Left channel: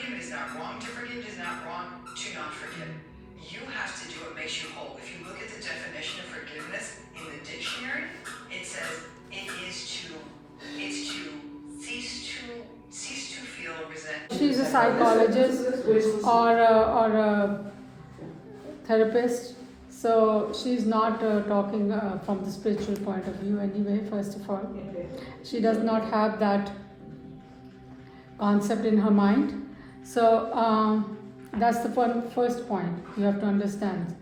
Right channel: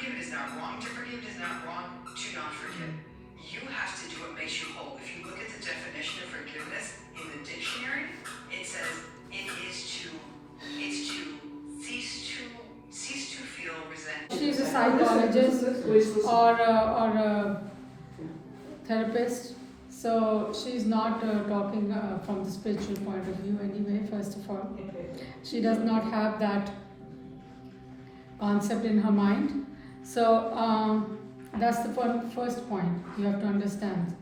forgive is not wrong. To forgive is not wrong. To not forgive. You have to do what makes you whole. If you look at the definition of forgiveness in the dictionary, it says it's to cease to feel resentment. She's a psychologist or a therapist, so she's not talking from the spiritual point of view anyway. First of all, she does not have that concept in her mind. So that's the first point you have to understand.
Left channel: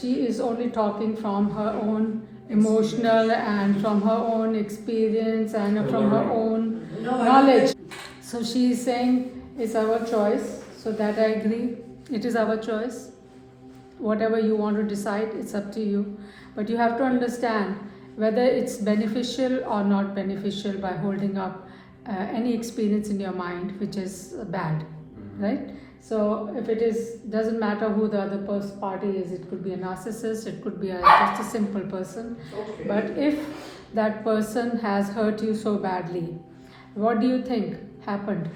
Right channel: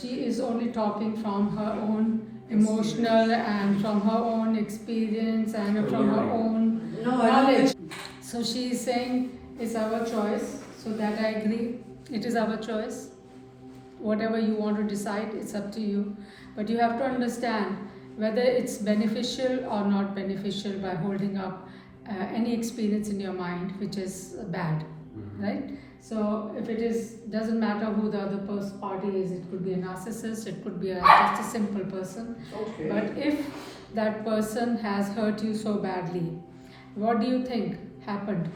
She is only talking from her own emotional and from her own experience and from her own knowledge. So she is saying it's our choice. So that I agree. It is our choice. Whatever you want to decide, it's up to you. But you have to understand whether it's beneficial or not beneficial by holding up any experience in your mind which is bad, right? So if it is, doesn't matter who the other party is, it could be a narcissist, it could be just a simple person. Okay. But if that person has hurt you so badly, what do you think happened?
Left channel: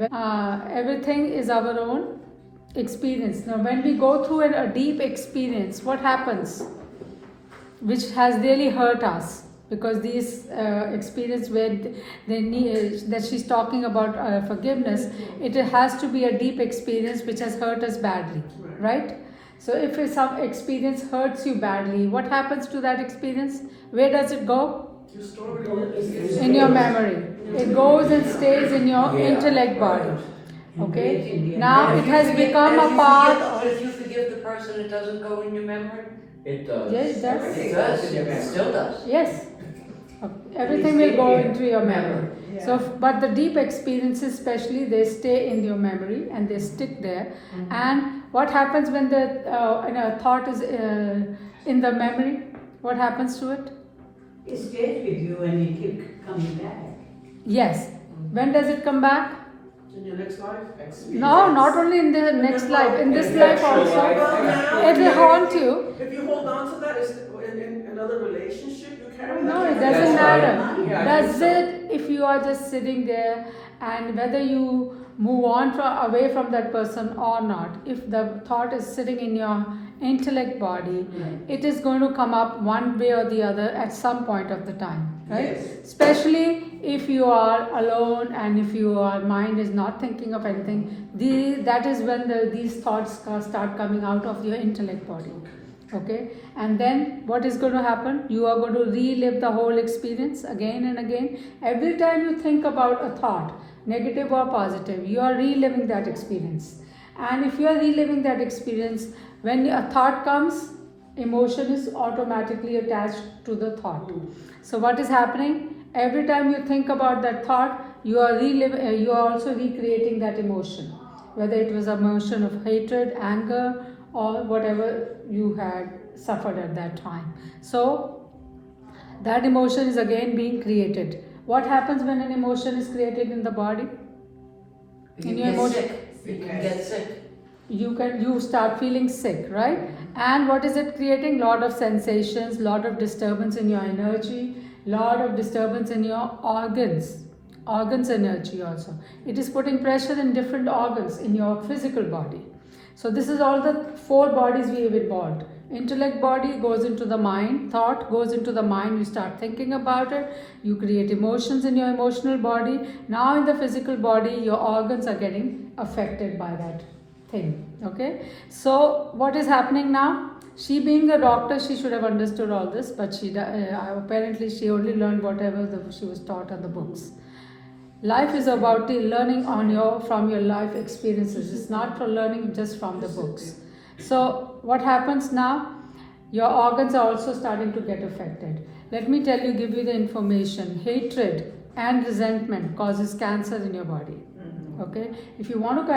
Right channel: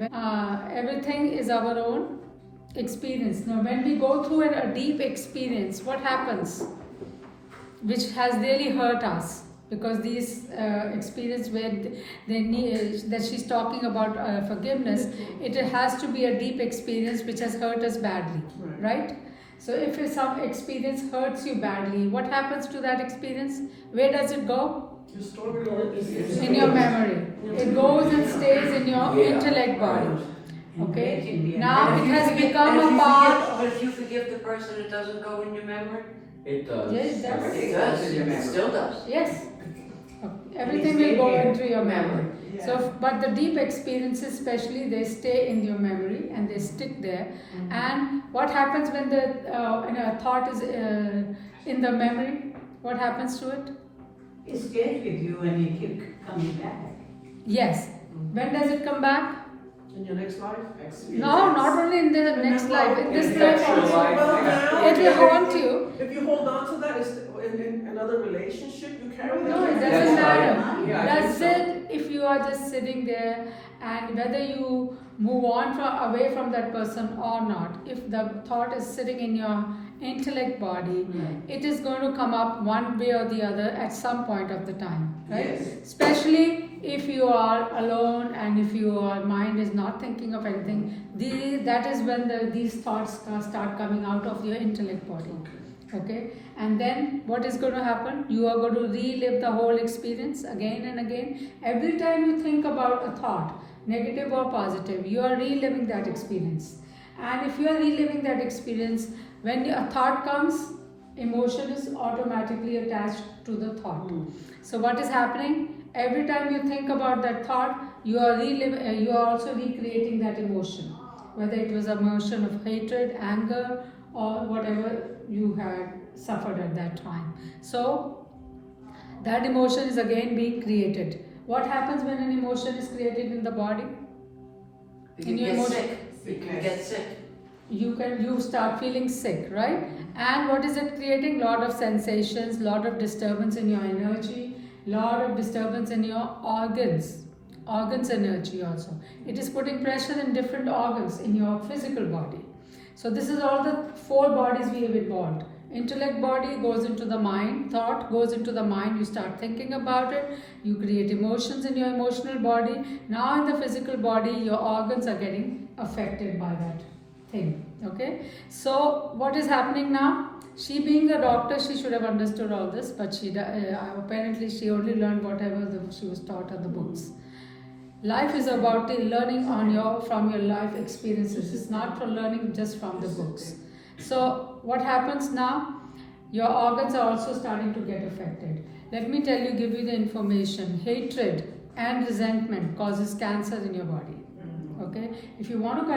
Everything is our own experience. Now when we go through a deep experience, what happens? Which has really hurt us, because these experience where they need, that she's talking about forgiveness, it has to be a deep experience which has hurt us badly, right? So if some experience hurts you badly, what happens to that experience? Where does it go? In your memory. It goes and stays in your intellect body. Okay? Now it has become a part of... But if you forgive the person, it doesn't go in your memory? It does. Yes, it does. It does. It still does. Yes. Everything will go into your memory. Yeah. So, but the deep experiences, especially, they stay in your memory and they stick there. Mm-hmm. And what happens when the thought is in the memory? What happens to it? It stays with you and you keep coming back. Yes. When does it come back? In your next life? No, not only in the next life. In this life also. It will haunt you. If you hold on to that, it's in another relationship, you carry that. No, it doesn't matter. That's it. If you are just sitting there, and whether you move on away from that person or not, if the thought is sitting in your intellect body, it is going to come up one way or the other at some point of the time, right? Yes. Especially if you are alone and if your mind is not thinking of anything, that is when these thoughts start coming out of your intellect body. Okay, and then what is going to happen? You are going to relive the whole experience again and again. Every time you think about a thought, negative or positive, you are reliving that experience. And if you are reliving that experience, when a thought comes, emotion is automatically attached to the thought. So what is happening? Every time you think about that thought, you are also recreating that emotion, whether it was an emotion of hatred, anger, or whatever you had suffered at that time. So that emotion is again being created. What happens when an emotion is created in the body? You get sick. You can get sick. You start feeling sick, right? And what is it creating? Lot of sensations, lot of disturbance in your energy, lot of disturbance in your organs energy also. It is putting pressure in different organs in your physical body. So this is all the 4 bodies we have involved. Intellect body goes into the mind, thought goes into the mind, you start thinking about it, you create emotions in your emotional body. Now in the physical body, your organs are getting affected by that thing. Okay, so what is happening now? She being a doctor, she should have understood all this, but apparently she only learned whatever she was taught on the books. Life is about the learning from your life experiences. It's not for learning just from the books. So what happens now? Your organs are also starting to get affected. Let me give you the information. Hatred and resentment causes cancer in your body. Okay, if you want to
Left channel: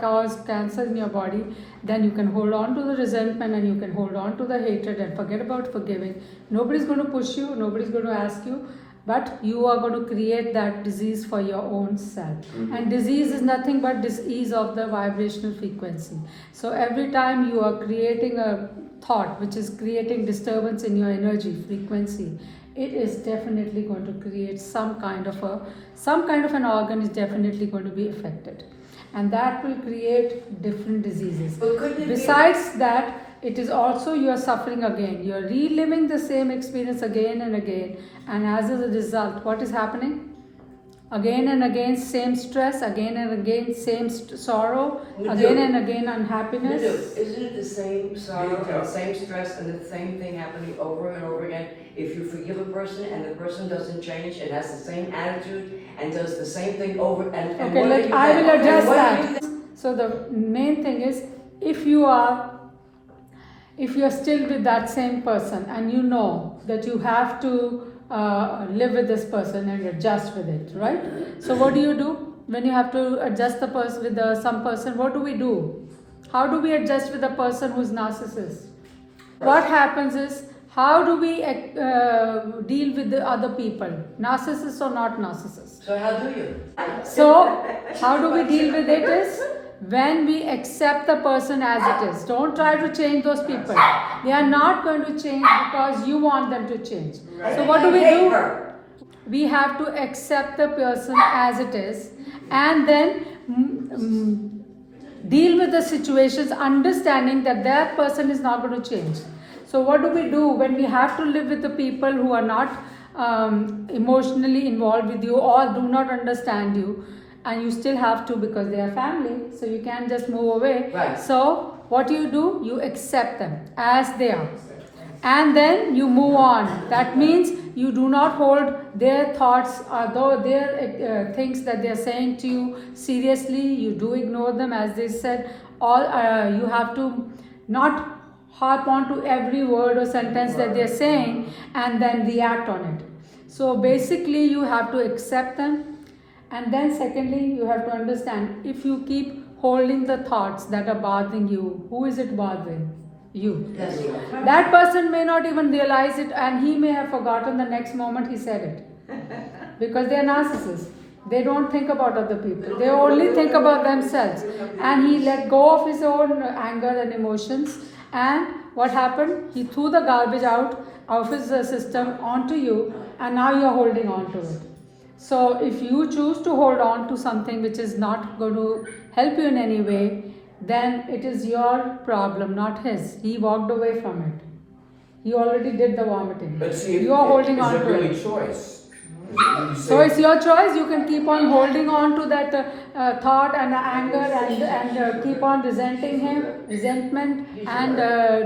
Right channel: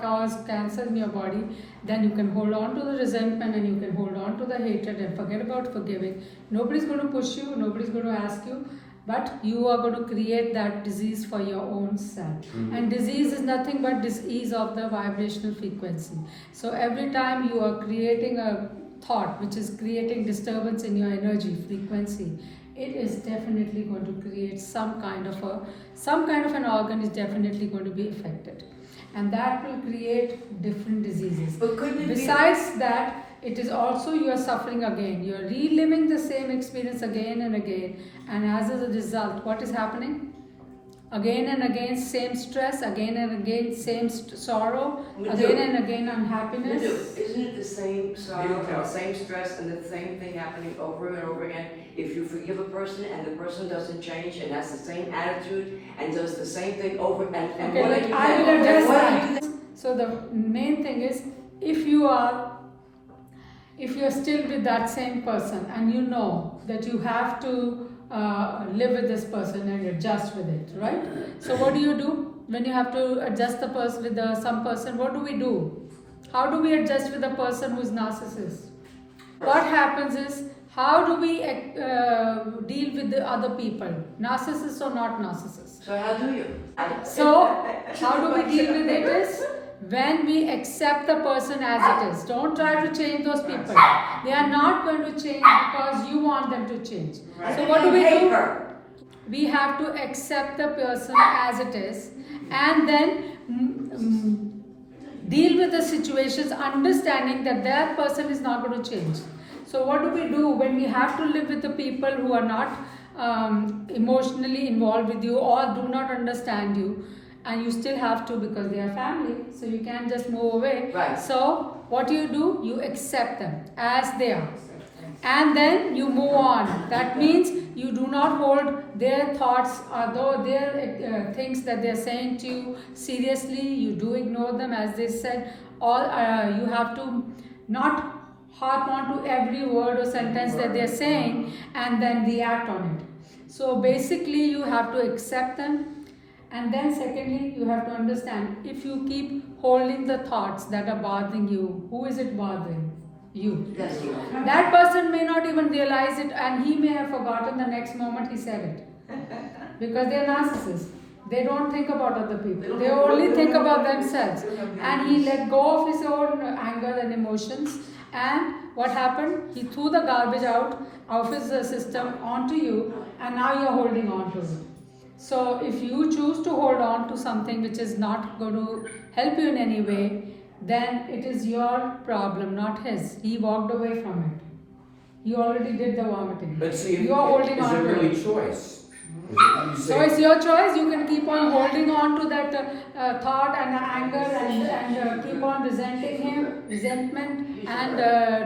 cause cancer in your body, then you can hold on to the resentment and you can hold on to the hatred and forget about forgiving. Nobody's going to push you, nobody's going to ask you, but you are going to create that disease for your own self. And disease is nothing but disease of the vibrational frequency. So every time you are creating a thought which is creating disturbance in your energy frequency, it is definitely going to create some kind of an organ is definitely going to be affected, and that will create different diseases. But couldn't it Besides that, it is also you are suffering again. You are reliving the same experience again and again, and as a result, what is happening? Again and again, same stress, again and again, same sorrow, Madhu. again and again, unhappiness. Madhu, isn't it the same sorrow and the same stress and the same thing happening over and over again? If you forgive a person and the person doesn't change and has the same attitude and does the same thing over and Okay, what are you I then? will address What are that. you So the main thing is, if you are still with that same person and you know that you have to live with this person and adjust with it, right? So what do you do when you have to adjust the person with some person? What do we do? How do we adjust with a person who's narcissist? What happens is, how do we deal with the other people, narcissists or not narcissists? So how do you? So, how do we deal with it is when we accept the person as it is. Don't try to change those people. They are not going to change because you want them to change. So, what do we do? We have to accept the person as it is and then deal with the situations, understanding that that person is not going to change. So, what do we do when we have to live with the people who are not emotionally involved with you or do not understand you, and you still have to because they are family, so you can't just move away. Right. So what you do, you accept them as they are, and then you move on. That means you do not hold their thoughts or their things that they are saying to you seriously. You do ignore them, as they said, or you have to not harp on to every word or sentence that they are saying and then react on it. So basically you have to accept them, and then secondly you have to understand, if you keep holding the thoughts that are bothering you, who is it bothering? You. That's right. That person may not even realize it, and he may have forgotten the next moment he said it, because they are narcissists. They don't think about other people, they only think about themselves, and he let go of his own anger and emotions, and what happened? He threw the garbage out of his system onto you, and now you are holding on to it. So if you choose to hold on to something which is not going to help you in any way, then it is your problem, not his. He walked away from it. He already did the vomiting. But see, You are holding on is it to really it. choice? Is it really So it's your choice. You can keep on holding on to that thought and anger and keep on resenting him, resentment, and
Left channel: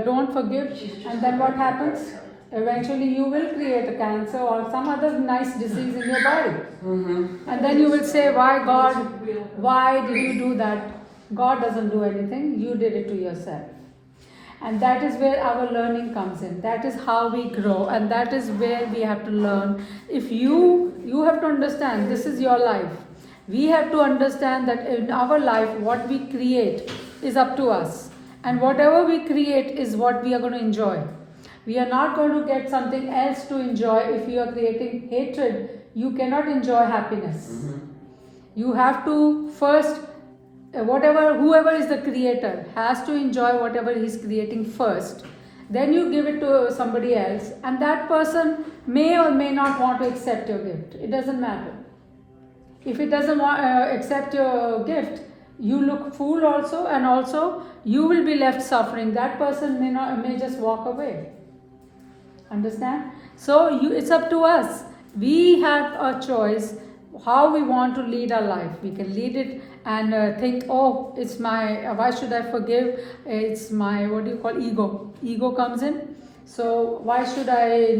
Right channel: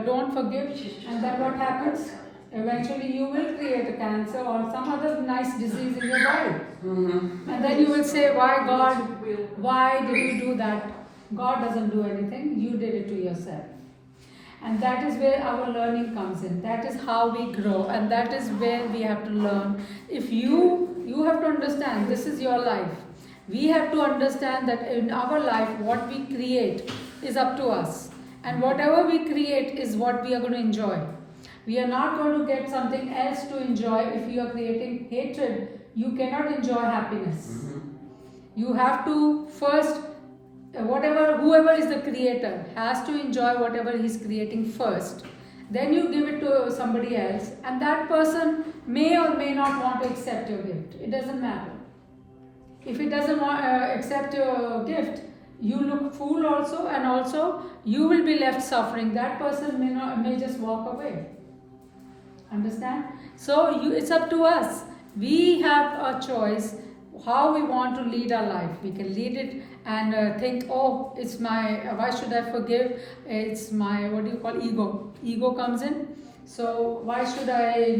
don't forgive. And then what happens? Eventually you will create a cancer or some other nice disease in your body. And then you will say, why God, why did you do that? God doesn't do anything, you did it to yourself. And that is where our learning comes in. That is how we grow, and that is where we have to learn. If you have to understand, this is your life. We have to understand that in our life, what we create is up to us. And whatever we create is what we are going to enjoy. We are not going to get something else to enjoy. If you are creating hatred, you cannot enjoy happiness. You have to first, whoever is the creator has to enjoy whatever he's creating first. Then you give it to somebody else, and that person may or may not want to accept your gift. It doesn't matter. If it doesn't accept your gift, you look fool also, and also you will be left suffering. That person may just walk away. Understand? So it's up to us. We have a choice how we want to lead our life. We can lead it and think, oh, it's my, why should I forgive? It's my, ego. Ego comes in. So why should I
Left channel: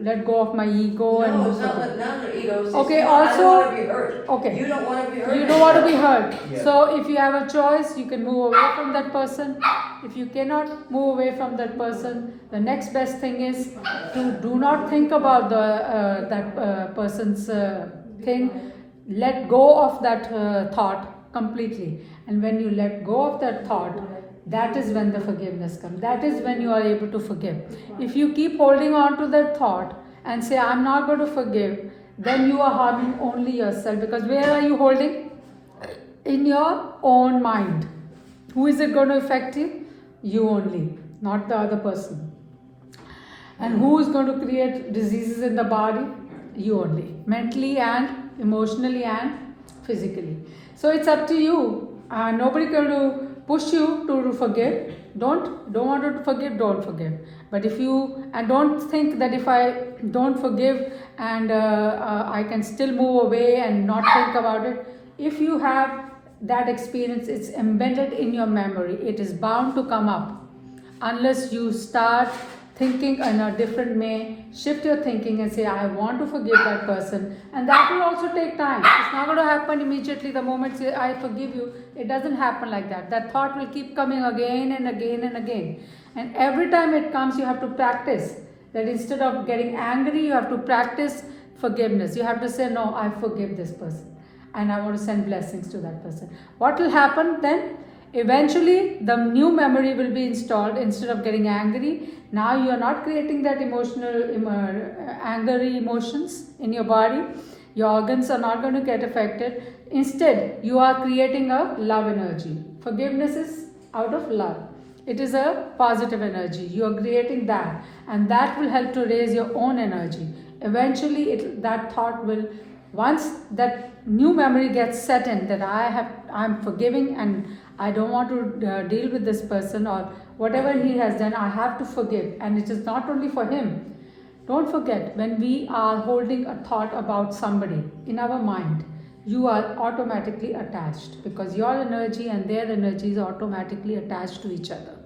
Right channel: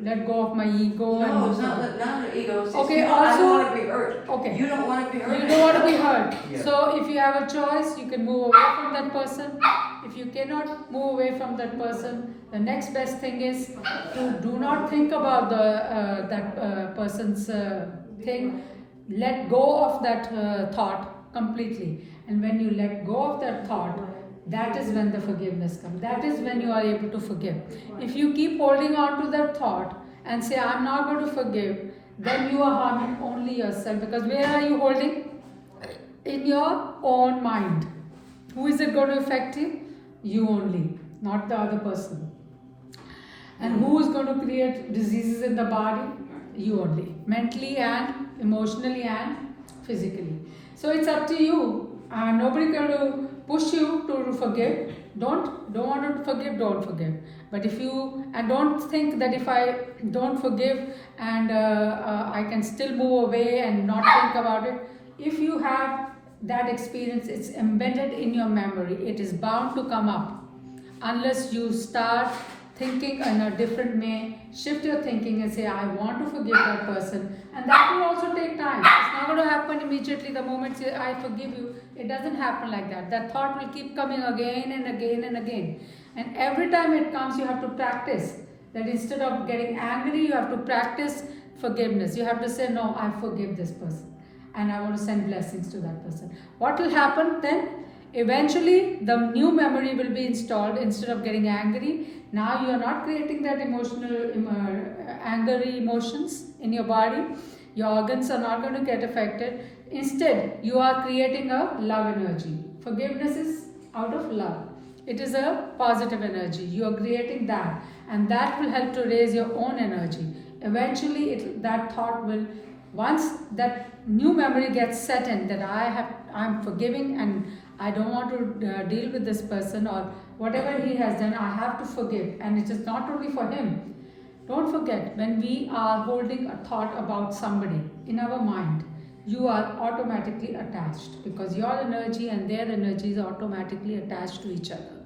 let go of my ego? No, it's not an ego. It's Okay, I also, don't want to be hurt. okay. You don't want to be hurt. You don't want to be hurt. Yeah. So if you have a choice, you can move away from that person. If you cannot move away from that person, the next best thing is to do not think about that person's thing. Let go of that thought completely. And when you let go of that thought, that is when the forgiveness comes. That is when you are able to forgive. If you keep holding on to that thought and say, I'm not going to forgive, then you are harming only yourself. Because where are you holding? In your own mind. Who is it going to affect you? You only, not the other person. And who is going to create diseases in the body? You only. Mentally and emotionally and physically. So it's up to you. Nobody going to push you to forgive. Don't want to forgive, don't forgive. But if you, and don't think that if I don't forgive and I can still move away and not think about it. If you have that experience, it's embedded in your memory. It is bound to come up unless you start thinking in a different way, shift your thinking and say, I want to forgive that person. And that will also take time. It's not going to happen immediately the moment you say, I forgive you. It doesn't happen like that. That thought will keep coming again and again and again. And every time it comes, you have to practice. That instead of getting angry, you have to practice forgiveness. You have to say, no, I forgive this person. And I want to send blessings to that person. What will happen then? Eventually, the new memory will be installed. Instead of getting angry, now you are not creating that angry emotions in your body. Your organs are not going to get affected. Instead, you are creating a love energy. Forgiveness is out of love. It is a positive energy. You are creating that. And that will help to raise your own energy. Eventually, that thought will, once that new memory gets set in, that I'm forgiving and I don't want to deal with this person or whatever he has done, I have to forgive. And it is not only for him. Don't forget, when we are holding a thought about somebody in our mind, you are automatically attached because your energy and their energy is automatically attached to each other.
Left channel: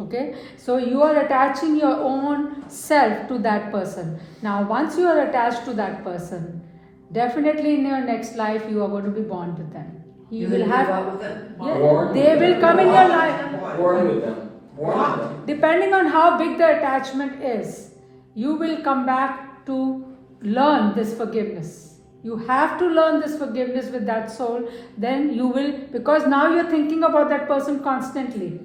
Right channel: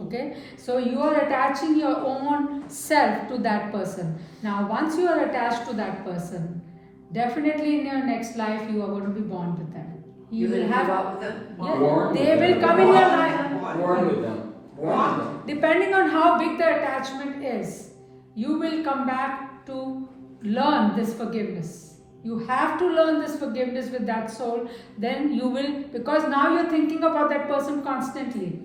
Okay, so you are attaching your own self to that person. Now, once you are attached to that person, definitely in your next life you are going to be born with them. You will have up with them. Yeah, they will come in your life. Born with them. Born with them. Depending on how big the attachment is, you will come back to learn this forgiveness. You have to learn this forgiveness with that soul. Then you will, because now you're thinking about that person constantly.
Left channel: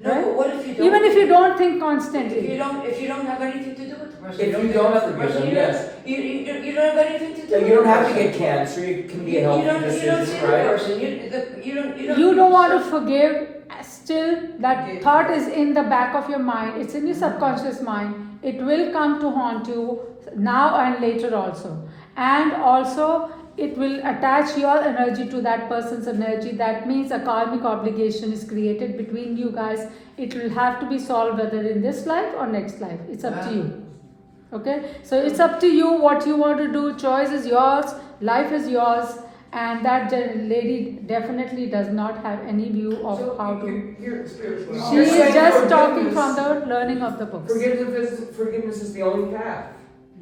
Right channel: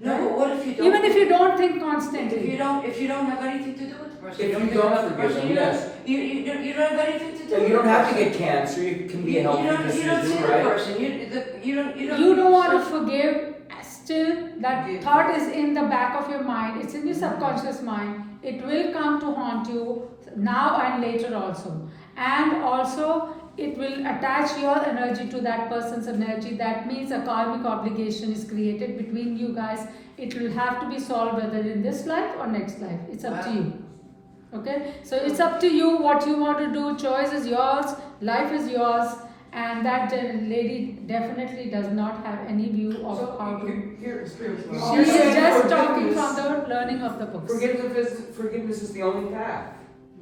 No, Right? but what if you don't? Even if you don't think constantly. If you don't have anything to do with the person. If you don't have forgive them, yes. You don't have anything to do So with you don't the have to person. get cancer. You can be a healthy You don't see decision, the right? person. You don't want to forgive, still that thought is in the back of your mind, it's in your subconscious mind. It will come to haunt you now and later also. And also it will attach your energy to that person's energy. That means a karmic obligation is created between you guys. It will have to be solved whether in this life or next life. It's up to you. Okay, so it's up to you what you want to do. Choice is yours, life is yours. And that lady definitely does not have any view of how to. She is just talking from the learning of the books. Forgiveness is the only path.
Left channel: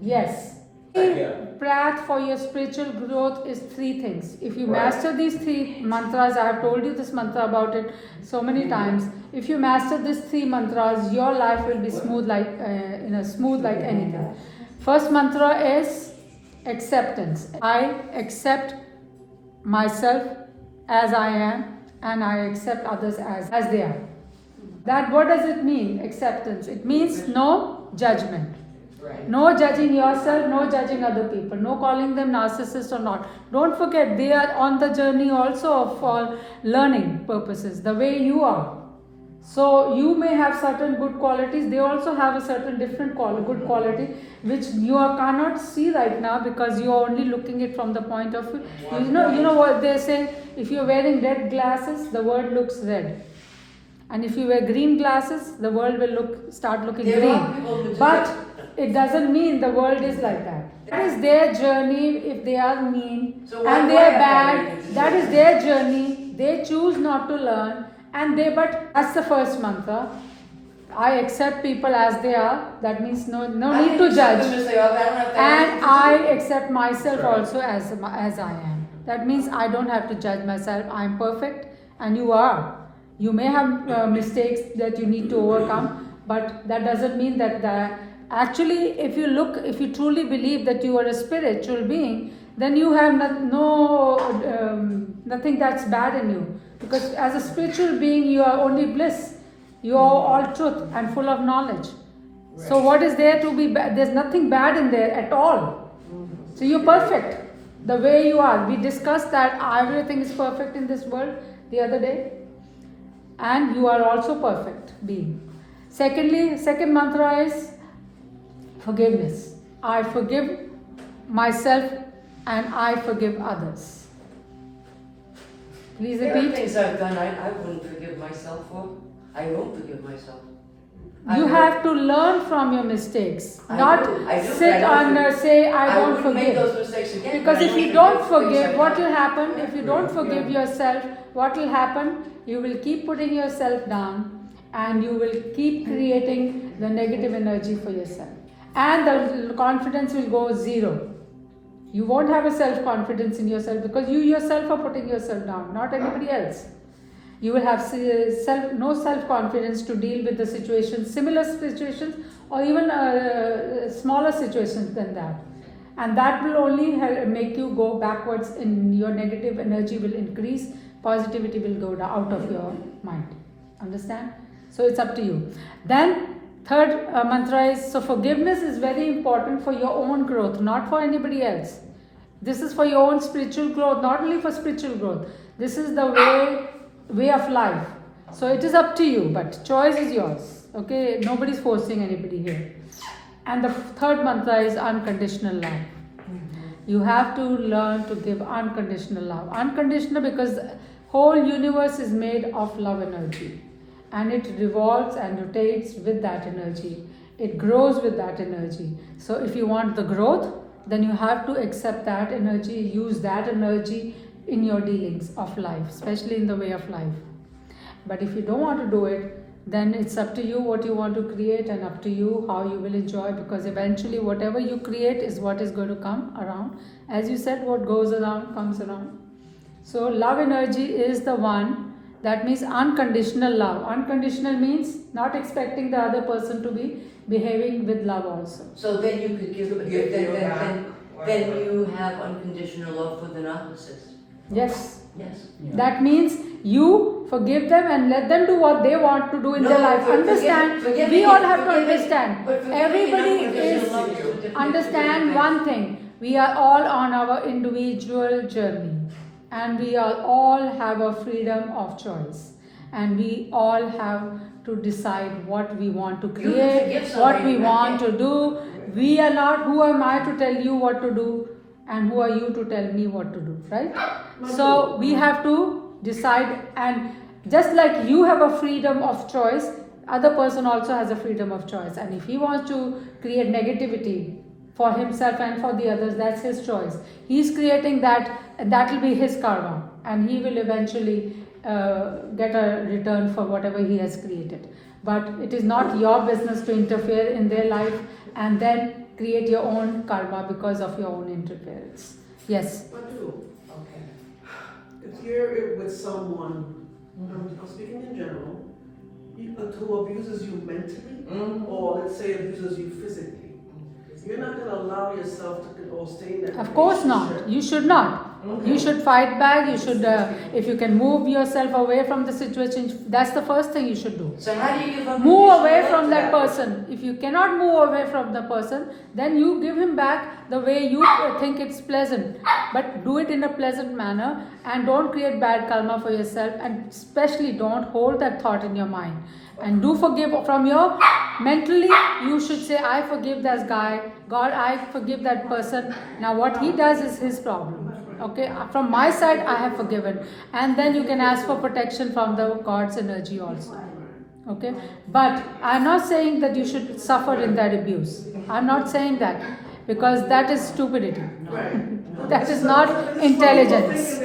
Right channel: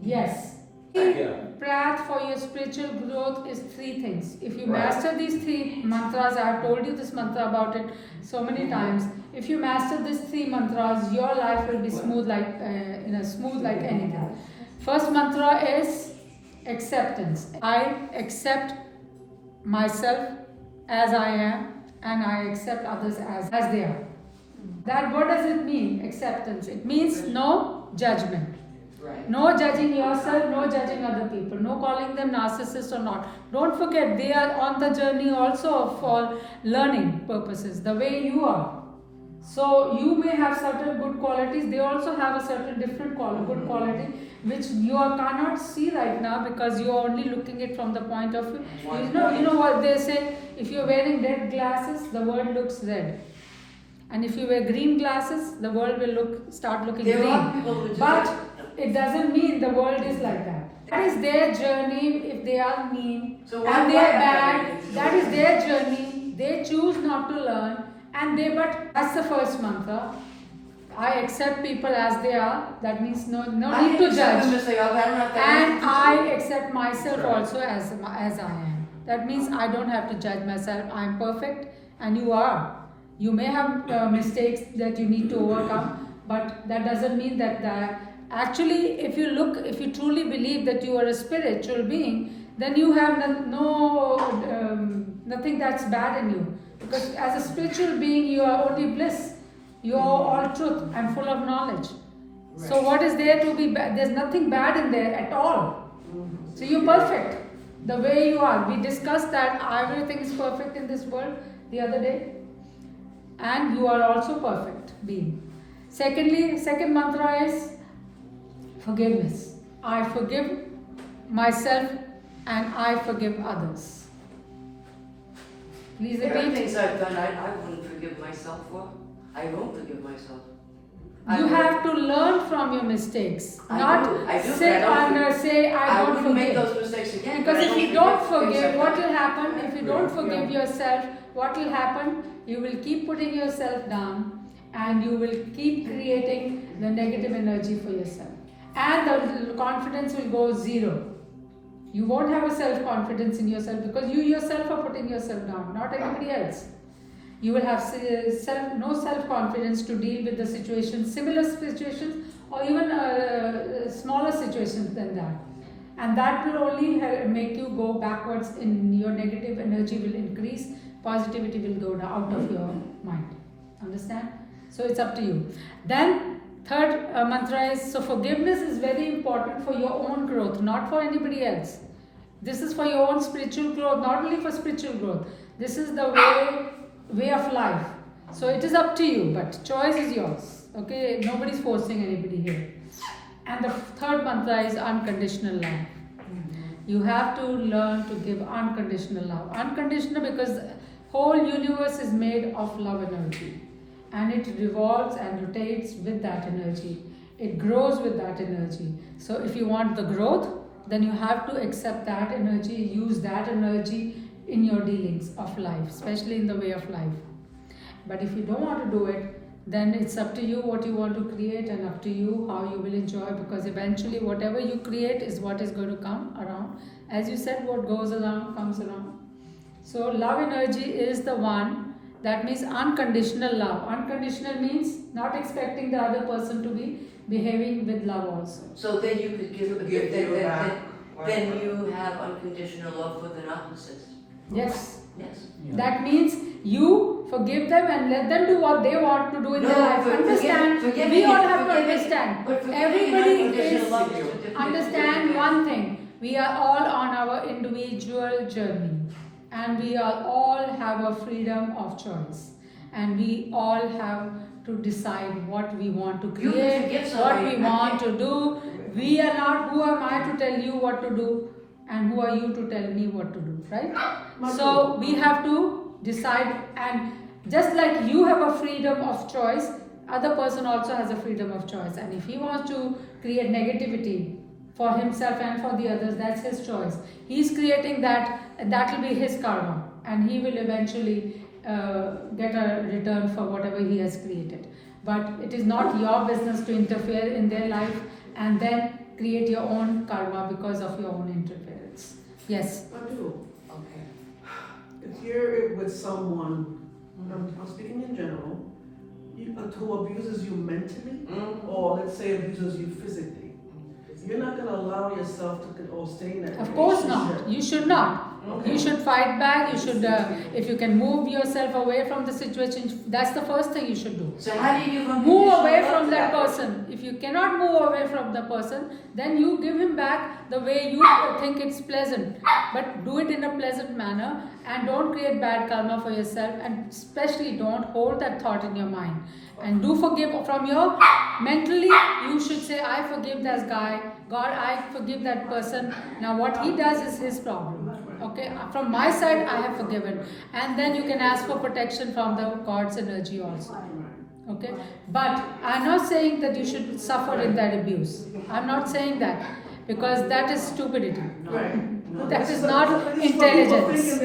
Yes. Yeah. Path for your spiritual growth is 3 things. If you master these 3 mantras, I have told you this mantra about it so many times. If you master these 3 mantras, your life will be smooth like anything. First mantra is acceptance. I accept myself as I am, and I accept others as they are. That, what does it mean? Acceptance. It means no judgment. Right. No judging yourself, no judging other people, no calling them narcissist or not. Don't forget, they are on the journey also for learning purposes, the way you are. So you may have certain good qualities, they also have a certain different good quality which you cannot see right now because you are only looking it from the point of view. You know what they say, if you are wearing red glasses, the world looks red. And if you wear green glasses, the world will start looking There are green. people who do But that. it doesn't mean the world is like that. That is their journey. If they are mean So why and they do I are have bad, to be that is their journey. They choose not to learn. But that's the first mantra. I accept people as they are. That means no need to judge. And I accept myself also as I am. That means I don't have to judge myself. I am perfect and you are. You may have mistakes that you need to overcome, but that doesn't mean that actually, if you truly believe that you are a spiritual being, then you have nothing that's bad in you. Because as a spiritual being, you are only bliss. You are all truth and full of knowledge. Right. So what is there to be bad? There's nothing bad in there at all. So you're perfect the way you are. We discussed that everything is perfect in this world the other day. And you are also perfect being. Second mantra is Forgiveness. I forgive myself and I forgive others. Please There are repeat. things I've done I wouldn't forgive myself for. I won't forgive myself. You have to learn from your mistakes, I not do, sit but I don't and say, I don't wouldn't make forgive. those mistakes again. Because but I if you don't things forgive, I've what done. will happen? If you don't forgive yourself, what will happen? You will keep putting yourself down and you will keep creating the negative energy for yourself. And the confidence will go zero. You won't have a self-confidence in yourself because you yourself are putting yourself down, not anybody else. You will have no self-confidence to deal with the situations, similar situations, or even smaller situations than that. And that will only make you go backwards. In your negative energy will increase, positivity will go out of your mind. Understand? So it's up to you. Then third mantra is, so forgiveness is very important for your own growth, not for anybody else. This is for your own spiritual growth, not only for spiritual growth. This is the way of life. So it is up to you, but choice is yours. Okay, nobody's forcing anybody here. And the third mantra is unconditional love. You have to learn to give unconditional love. Unconditional because the whole universe is made of love energy. And it revolves and rotates with that energy. It grows with that energy. So if you want the growth, then you have to accept that energy, use that energy in your dealings of life, especially in the way of life. But if you don't want to do it, then it's up to you what you want to create and up to you how you will enjoy, because eventually whatever you create is what is going to come around. As you said, what goes around comes around. So love energy is the one that means unconditional love. Unconditional means not expecting the other person to be behaving with love also. So then you could give then you have unconditional love for the narcissist. Yes. Yes. That means you forgive them and let them do what they want to do in their life. Understand? We all have to understand. Everybody is understand one thing. We are all on our individual journey, and we all have a freedom of choice, and we all have to decide what we want to create, what we want to do. We are not, who am I to tell you what to do, and who are you to tell me what to do, right? So we have to decide, and just like you have a freedom of choice, other person also has a freedom of choice. And if he wants to create negativity for himself and for the others, that's his choice. He's creating that, and that will be his karma, and he will eventually get a return for whatever he has created. But it is not your business to interfere in their life and then create your own karma because of your own interference. Yes. Madhu, Okay. if you're with someone, I'm speaking in general, who abuses you mentally, or let's say abuses you physically, you're not going to allow yourself to or stay in that Of course not. relationship. You should not. You should fight back. You should, if you can move yourself away from the situation, that's the first thing you should do. So how do you give Move unconditional away love from to that person. If you cannot move away from the person, then you give him back the way you think it's pleasant. But do it in a pleasant manner, and don't create bad karma for yourself, and especially don't hold that thought in your mind. And do forgive from your mentally. You should say, I forgive that guy. God, I forgive that person. Now what he does is his problem. Okay, from my side I have forgiven, and then you can ask for protection from the God's energy also. Okay, but I'm not saying that you should suffer in that abuse. I'm not saying that, because that is stupidity. That is not intelligence.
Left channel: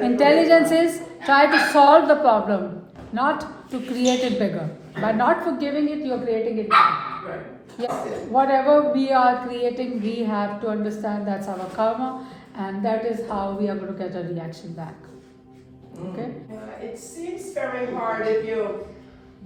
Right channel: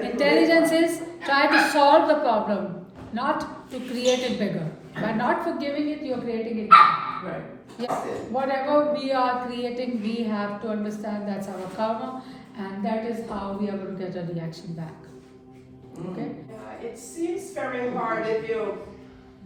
Intelligence is try to solve the problem, not to create it bigger. By not forgiving it, you're creating it bigger. Yeah. Whatever we are creating, we have to understand that's our karma, and that is how we are going to get a reaction back. Okay? It seems very hard if you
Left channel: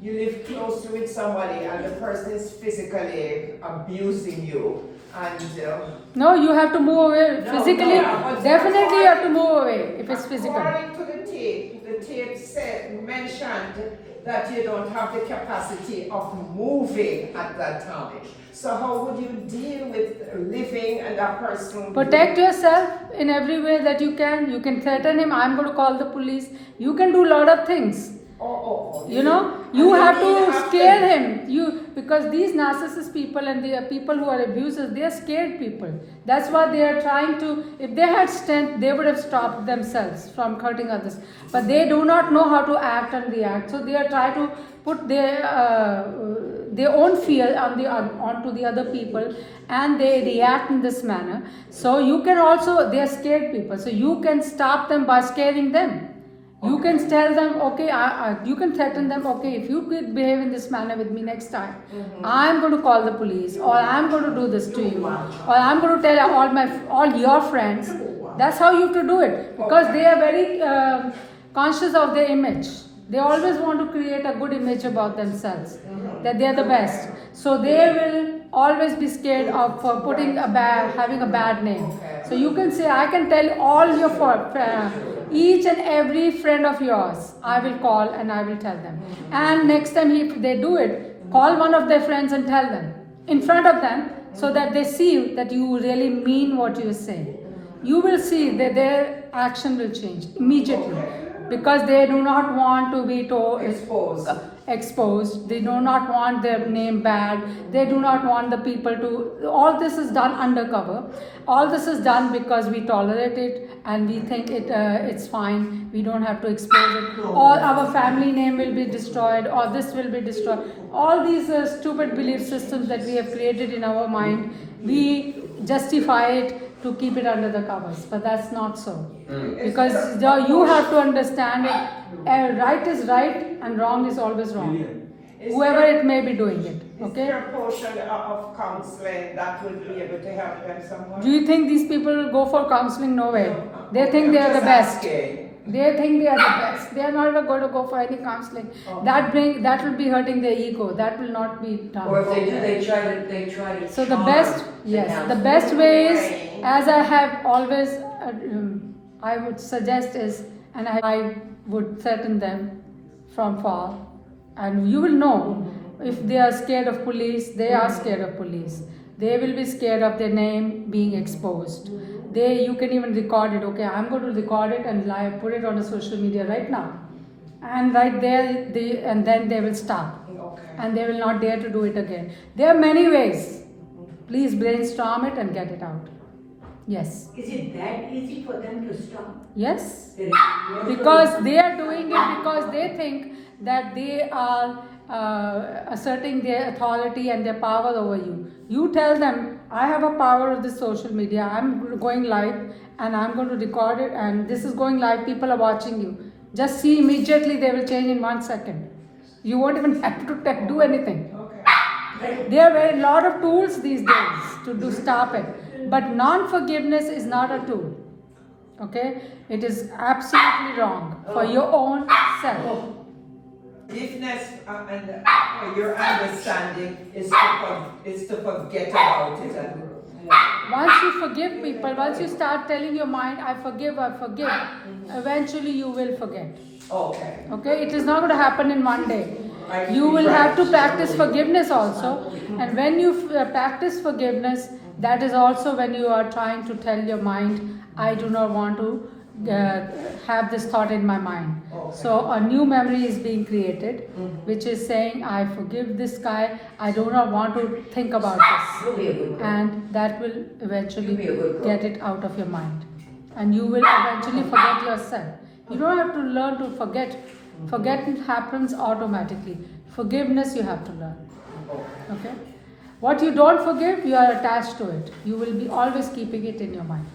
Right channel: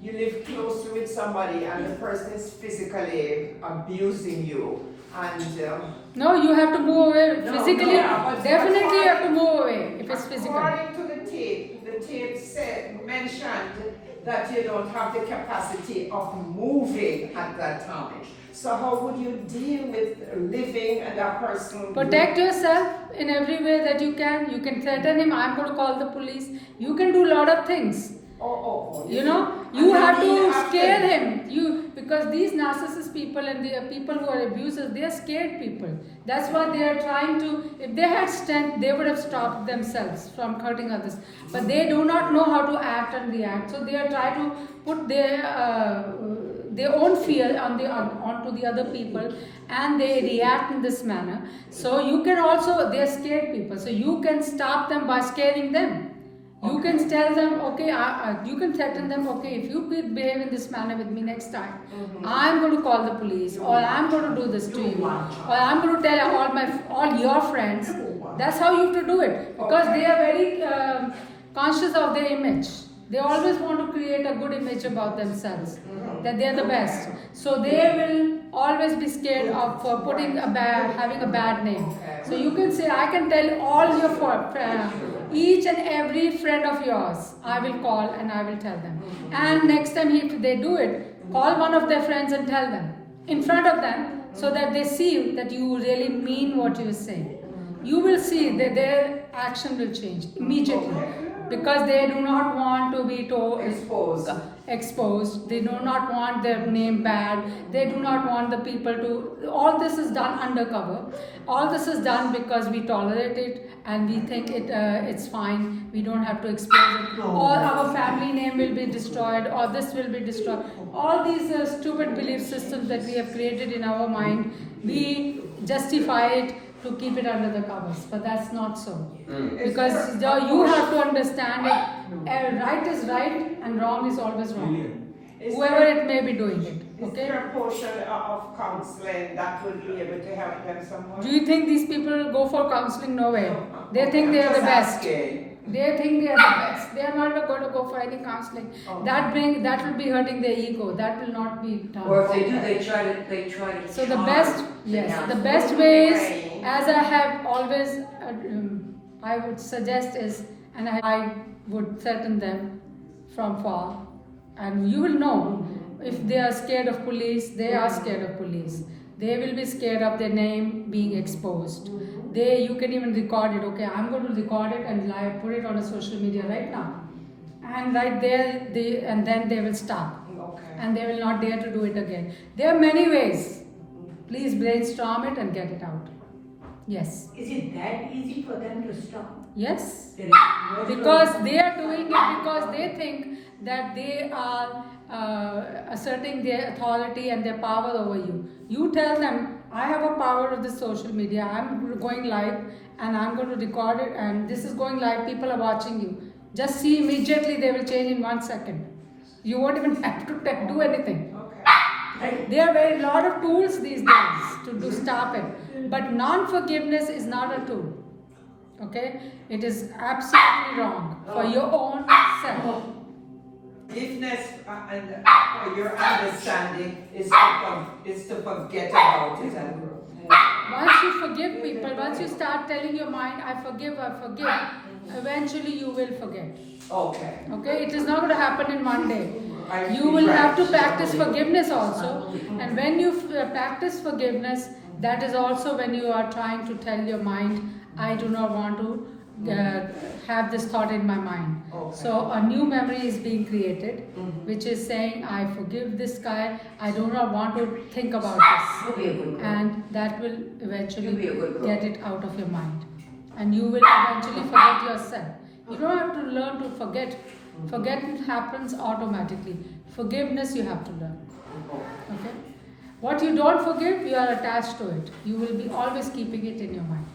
live closely with somebody and the person is physically abusing you, and No, you have to move away physically. but Definitely you have to move away if it's physical. according to the tape mentioned that you don't have the capacity of moving at that time. So how would you deal with living and that person? Protect yourself in every way that you can. You can threaten him, I'm going to call the police. You can do a lot of things. You know, you have to scare him. Because these narcissist people and the people who are abusers, they are scared people. That's why they are trying to. If they had strength, they would have stopped themselves from hurting others. But they do not know how to act and react. So they are trying to put their own fear onto the other people, and they react in this manner. So you can also, they are scared people. So you can stop them by scaring them. You can tell them, okay, you can threaten them, okay, if you could behave in this manner with me next time, I'm going to call the police, or I'm going to do this to you, or I'm going to tell all your friends. That's how you have to do it, because they are very conscious of their image. They always want to create a good image about themselves, that they are the best. So they will always be scared of having a bad name. So you can say, I can tell all your each and every friend of yours, I will call and I will tell them. And next time if they do it, call one of their friends and tell them in front of them, so that they see that you really mean what you are saying. You will see that their action will change immediately, because they do not want to be exposed. They do not want their name bad. They do not want the people to. All this is done undercover. All this is done because we tolerate it and we think it's fine. We don't have to expose it. Or our family name will be destroyed, or this will be destroyed. All these stupid belief systems that we have created in our mind, we justify it to keep it under the covers, but that's not so. Because you have to understand it. Right is right and wrong is always wrong. Whoever it may be doing it. Okay? Is there a portion of counseling that will be able to help them somewhat? Do you think these people go for counseling? No way. They think they are the best. They think they are the best. They are not even going to go for any counseling. That will be hurting their ego. That will not be done. Or if they do, they try to. So the best way is, as I have always, I would suggest is, and I would threaten them from far, and you will know if they are scared of police. They are scared of police. They will be scared of their name being exposed. You can even record it. Okay, I'm going to record it and put it on the social media right now, and right there, and then they will stop, and they will not dare to do it again. There are many ways. Please brainstorm it and get it out. Yes. Is it that easy for them to stop? Yes. Because they are doing it because they think that they are asserting their authority and their power over you. You tell them, I have a power of this social media. I'm going live and I'm going to record it, and this is going live. People are watching you. Just see, immediately they will change in 1 second. You won't even have to do anything. There are a lot of tools these days to stop it. But non-forgiveness is not a tool. Okay? It is absolutely wrong for your own self. Forgiveness and your understanding is to forget about it and grow. Once you forgive people, once you start telling your mind, I forgive, eventually you will forget. Okay. Okay? It is not going to happen in one day. You will have to practice forgiveness also. And when you practice forgiveness, that is also when you are trying to tell your mind, I do not want to have this thought in my mind. So a new memory is being created, which is saying, I forgive this guy, I do not want to think about this. And that will eventually get it out of your mind. And you will eventually forget yourself. You don't have to learn to forget. Forgetting happens automatically. Forgiveness you have to learn. Okay? What you don't forgive, you are attached to it. You will be always keeping it in your mind.